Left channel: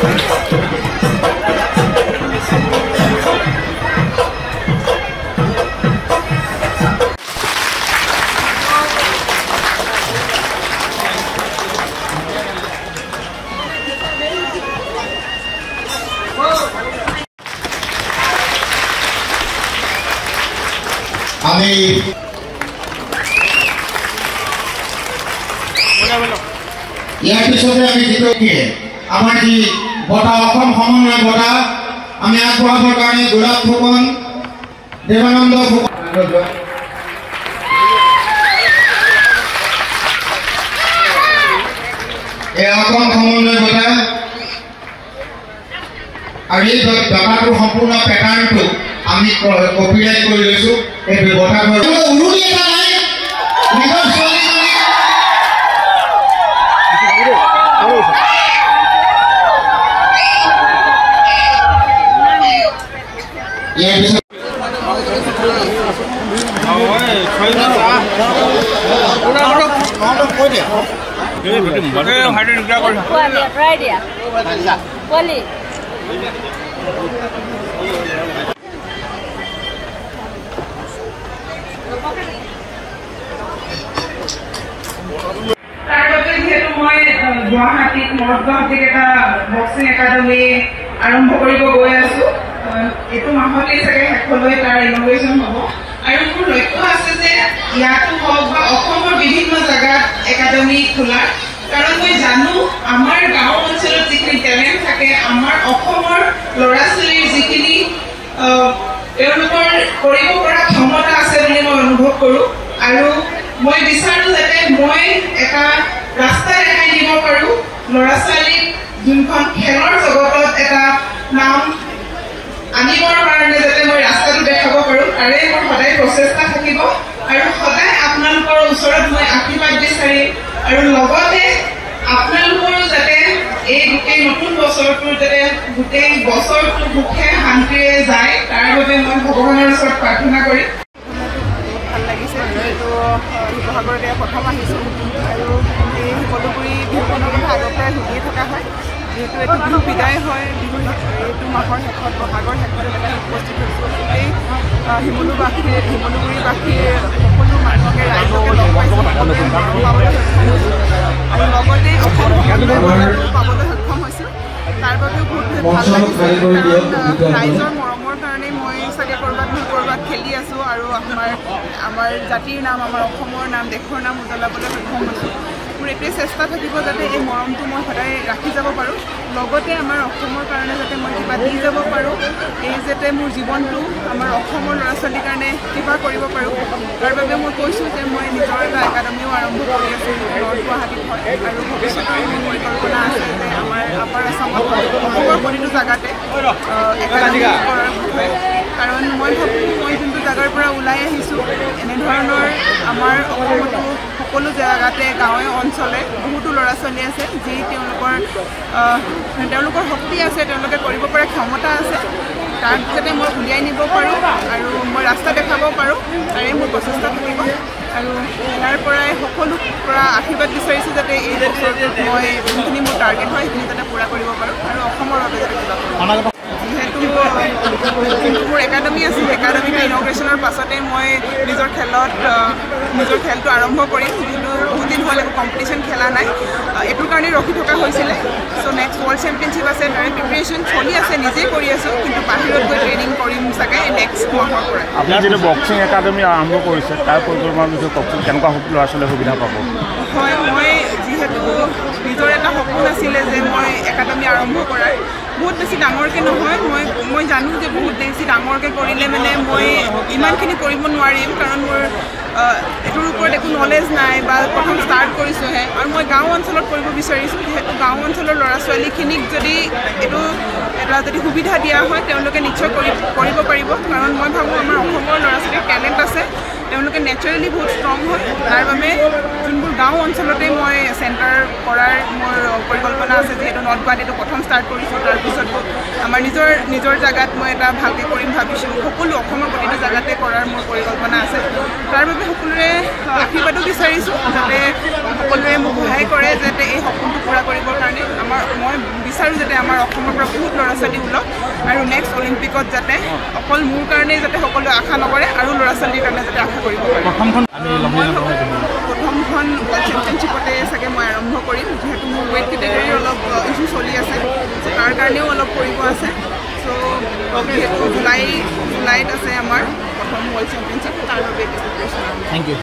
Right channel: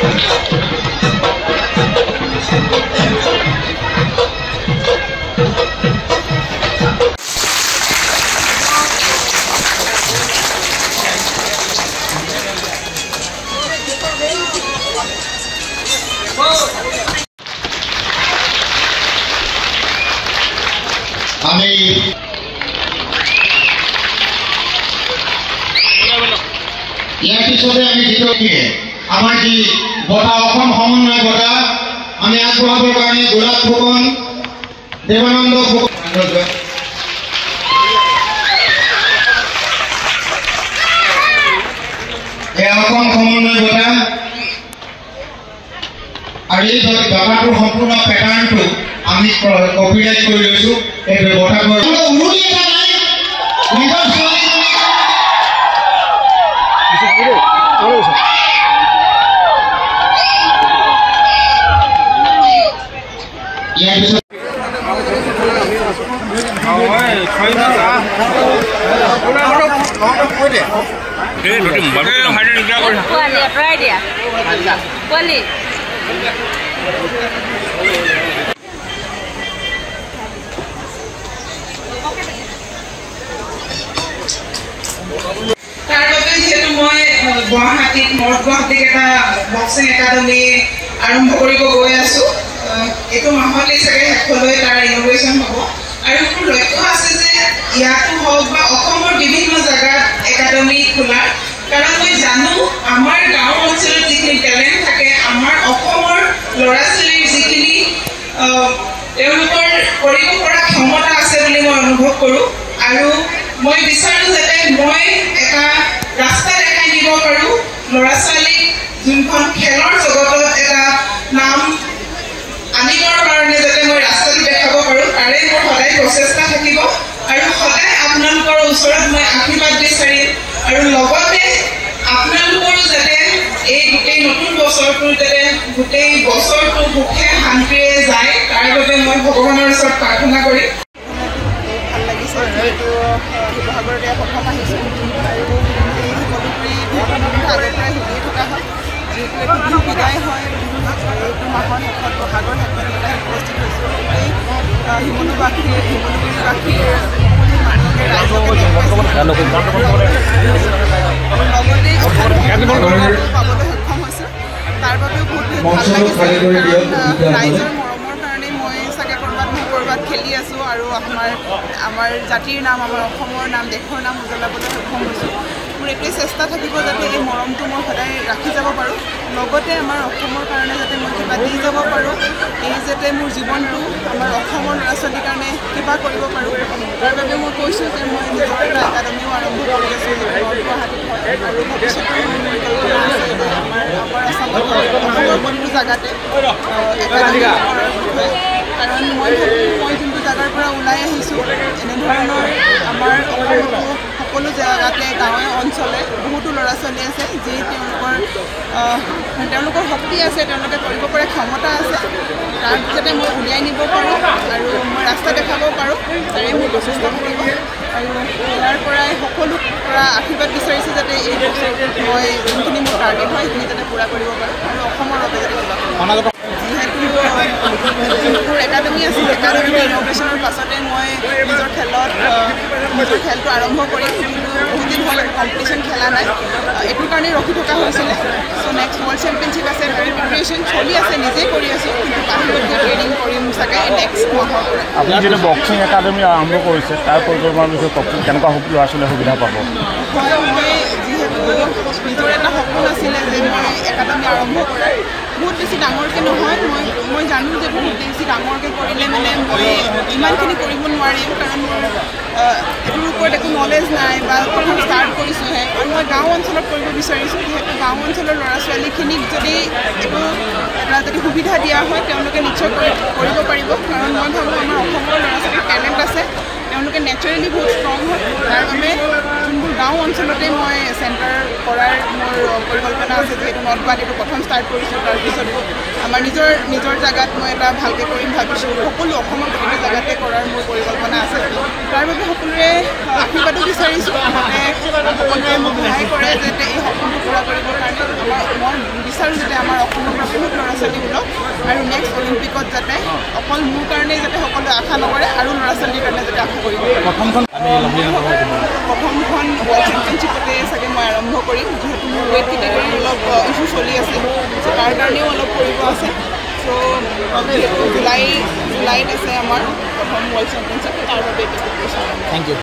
আমি ইয়াৰ পিছতে আমি দ্বিতীয়কে আমাৰ যি বঁটা অসম সমন্বয় বঁটা আমি আগবঢ়াবৰ কাৰণে গোলাপ ফুকন দেৱানন্দ এই অসম সমন্বয় বঁটা আৰু এই বঁটাটোৰ সম্পূৰ্ণ পেটাৰ্ণটো আমি কপিৰাইট কৰি লৈছো এই বঁটাবোৰ উৰুলি এটা নাই নিজৰ ইয়াৰ পিছত গুৱাহাটীত নৰ্থ গুৱাহাটীত এটা বক্সিং একাডেমি আৰম্ভ কৰিব গৈ আছো এইটো মাহতে চাগে শেষলৈ তাৰ ইনগ্ৰেশ্যন হ'ব আৰু মোৰ লক্ষ্য আছে যে ইয়াতো হওক বা অসমৰ বিভিন্ন জেগাত একাডেমি খোলাৰ কাৰণ মই জানো আমাৰ গাঁও অঞ্চলত যিখিনি টেলেণ্ট থাকে আমাৰ অসমৰ ল'ৰা ছোৱালীৰ যিখিনি তেওঁলোকৰ কৰিব পৰা ক্ষমতা আছে বুলি মই অনুভৱ কৰোঁ আৰু মই বিচাৰোঁ যাতে মই এটা ৰাস্তা দেখাই দিব পাৰোঁ ল'ৰা ছোৱালীক যোনখন খেলৰ জগতত এটা নাম আনিবৰ কাৰণে যাতে মই ৰাস্তাটো দেখাব পাৰোঁ তাৰে মোৰ সদায় প্ৰচেষ্টা থাকিব আৰু সদায় আপোনালোকৰ ওচৰত মই আশীৰ্বাদ বিচাৰিম আৰু লগতে আপোনালোকৰো যাতে এই গোটেই নতুন বছৰটো যাতে গোটেই বছৰটো সুখে শান্তিৰে যায় তাৰ বাবে মই ভগৱানৰ ওচৰত প্ৰাৰ্থনা কৰিম ভাল লাগিছে যিহেতু শিৱসাগৰত এয়া প্ৰথম আহিছোঁ আৰু এই শিমলুগুৰি বিহুখনৰ কথা আগৰ পৰাই শুনিয়ে থকা হয় যিহেতু এইটো বিহু বিদায় হয় বিহুৰ এইটো মাহৰ শেষত বহাগৰ শেষত এটা উপস্থিত হৈছোঁ গোটেই শিমলুগুৰিবাসীৰ সকলো মানুহকে ৰাইজকে লগ পাইছোঁ আৰু লগতে অসম পাবলৈ সক্ষম হৈছোঁ তাৰ বাবেও বহুত ভাল লাগিছে কাৰণ ৰাইজৰ মৰমৰ কাৰণে মই চাগে ক'ৰবাত নহয় ক'ৰবাত খেলি আছোঁ আৰু আমাৰ জাতিৰ নাম আমাৰ অসমৰ নাম দেশৰ নাম উজ্বলাবলৈ সক্ষম হৈছোঁ মোৰ এইটোৱে চেষ্টা থাকিব যাতে এই মৰমটো মই সদায় ৰাখি যাব পাৰোঁ লগতে আমাৰ অসমৰ কাৰণে যাতে মই কিবা দি যাব পাৰোঁ এই যাতে মোৰ জীৱনটো আমাৰ অসমৰ ল'ৰা ছোৱালীৰ কাৰণে কিবা কৰিব পাৰোঁ তাৰ বাবে মই কৈছোঁ যে মই নিজৰ এটা একাডেমিও আৰম্ভ কৰি আছোঁ নৰ্থ গুৱাহাটীত হয় আৰু ভৱিষ্যতেও মোৰ পৰিকল্পনা আছে যে আমাৰ আছামত অসমৰ প্ৰতিটো জেগাতে একাডেমি কৰাৰ বিষয়ে কাৰণ মই ভাবোঁ মই যোনটো জেগাৰ পৰা ওলাই আহিছোঁ এনেধৰণৰ আমাৰ অসমতো সকলো জেগাতে গাঁৱে অঞ্চলে বহুতো ল'ৰা ছোৱালী আছে যি তেওঁলোকৰ শক্তি আছে তেওঁলোকে কৰিব পৰা ক্ষমতা আছে তাক যাতে মই উলিয়াই নিব পাৰোঁ আৰু মই ৰাস্তা দেখাব পাৰোঁ তাৰে মোৰ প্ৰচেষ্টা কৰিব আৰু ইয়াৰ পৰাই সকলোৰ পৰা আশীৰ্বাদ বিচাৰিছোঁ যাতে এই বছৰটোত মই যোনখিনি মোৰ টাৰ্গেট হয় সেইখিনি যাতে পূৰা কৰিব পাৰোঁ আৰু অসমৰ বাবে যাতে কিবা কৰোঁ যিহেতু মোৰ একাডেমি আছিল একাডেমিটো ইনগ্ৰেশ্যনৰ পাছতে মই নিজৰ খেলটো আৰম্ভ কৰিম কিন্তু বহুত দিন হ'ল কম্পিটিশ্যন খেলা নাই এইটোৰ কাৰণে ৰখি থকা হৈছিলে চ' নেক্সট ৱৰ্ল্ড চেম্পিয়নশ্বিপ আছে তাৰে প্ৰিপেৰেশ্যন চলি আছে নিজেই কৰি আছোঁ কিন্তু বাহিৰত গৈ ট্ৰেইনিং কৰিম চাগে নেক্সট মাহৰ পৰা আপুনি যিটো বক্সিং একাডেমি আৰম্ভ কৰিছে তাৰ পৰিকল্পনাৰ বিষয়ে কওকচোন কেনেকুৱা ল'ৰা ছোৱালীয়ে সুবিধা পাব হয় মই যিহেতু নিজৰ এটা সপোন আছিলে যে মই একাডেমি আৰম্ভ কৰাৰ বহুত বেছি ডাঙৰকৈ নহয় মই জানো যে বহুত বেছি ডাঙৰকৈ কৰিলে মানে মই ইমানখিনি কৰিব নোৱাৰিম কাৰণ মোৰ এইটোৰ ওপৰত একো নলেজ নাই বা প্ৰথম ষ্টাৰ্ট কৰিছোঁহে আৰু মই গাঁও অঞ্চলত কৰিব বিচাৰিছোঁ যিহেতু গাঁও অঞ্চলৰ ল'ৰা ছোৱালীখিনিক যদি এইটো এটা যদি সুবিধা দিয়া হয় তেওঁলোকে নিশ্চয় কৰিব পাৰিব কাৰণ মই ভাবোঁ আমাৰ অসমৰ ল'ৰা ছোৱালীৰ টেলেণ্ট আছে তেওঁলোকে নেচাৰেলি বহুত ষ্ট্ৰং হ'ল তাৰ বাবে যোনবোৰ গাঁও অঞ্চলতে মই চেণ্টাৰ কৰাৰ মোৰ পৰিকল্পনা আছে যিহেতু নৰ্থ গুৱাহাটীটো প্ৰথম ষ্টাৰ্ট কৰিছোঁ তাৰপিছত আমাৰ নিজৰ জেগাত মই এটা ভালকৈ কৰিম ভাবিছোঁ সকলো অসমৰ প্ৰতিটো জেগাতে কৰাৰ মোৰ পৰিকল্পনা আছে তাৰ বাবে সকলোৰে আশীৰ্বাদো বিচাৰিছোঁ যাতে সকলোৱে মোক সহায় কৰে যাতে এই সপোনটো পূৰা কৰিবৰ কাৰণে মই বিচাৰোঁ যাতে আমাৰ অসমৰ পৰা বহুত ল'ৰা ছোৱালী ওলাওক আৰু নেক্সট অলিম্পিকত যাতে অকল মোৰ কাৰণেই যাতে সকলোৱে আশা নকৰে আৰু ল'ৰা ছোৱালীৰ কাৰণে যাতে আশা কৰিব পাৰে প্ৰথমখন ৱৰ্ল্ড চেম্পিয়নশ্বিপতে চাগে মই আৰম্ভ কৰিম যিহেতু মোৰ ৱেইট কেটেগৰীৰ অলপ ইছ্যু চলি আছে তাৰ কাৰণেও অলপ কৰিব আছে চ' যিহেতু জুলাইত আছে আমাৰ প্ৰথম ৱৰ্ল্ড চেম্পিয়নশ্বিপ তাৰ বাবে